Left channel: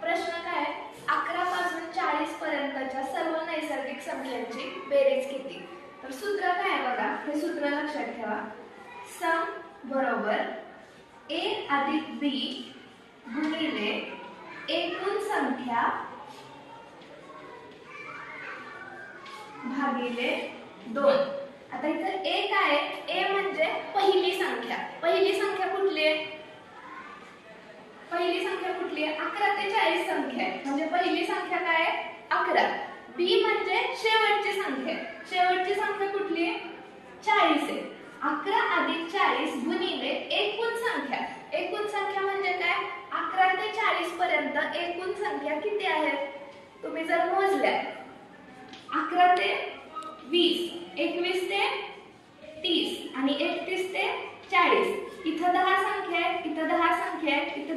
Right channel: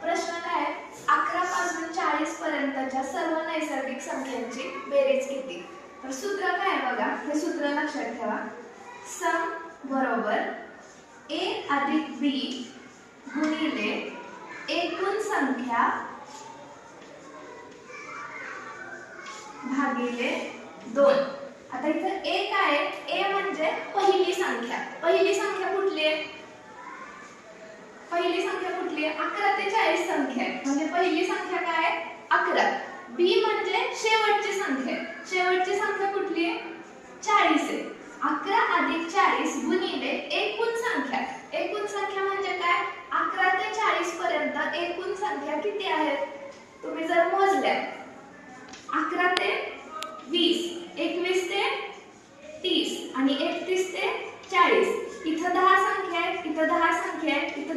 प्रश्न काय आहे? 11 पासून 40 पर्यंतच्या सर्व नैसर्गिक संख्यांची बेरीज किती? तर सूत्र काय आहे बघा, हे सूत्र लक्षात ठेवा. सम बरोबर a अधिक b गुणिले एकूण संख्या भागिले 2. आता इथं a काय आहे? a म्हणजे पहिली संख्या. पहिली संख्या कुठली आहे? पहिली संख्या कुठली आहे? 11 ते 40 संख्या आहे. म्हणजे पहिली संख्या काय आहे? 11. b म्हणजे शेवटची संख्या आहे. शेवटची संख्या कुठली आहे? 40 आहे. 11 अधिक 40 गुणिले एकूण संख्या. एकूण संख्या म्हणजे काय? 11 ते 40 पर्यंत एकूण संख्या किती आहेत? तुम्ही जर मोजल्या 11 ते 20, 21 ते 30 आणि 31 ते 40. इथं 10 संख्या आहेत, इथं 10 संख्या आहेत, इथं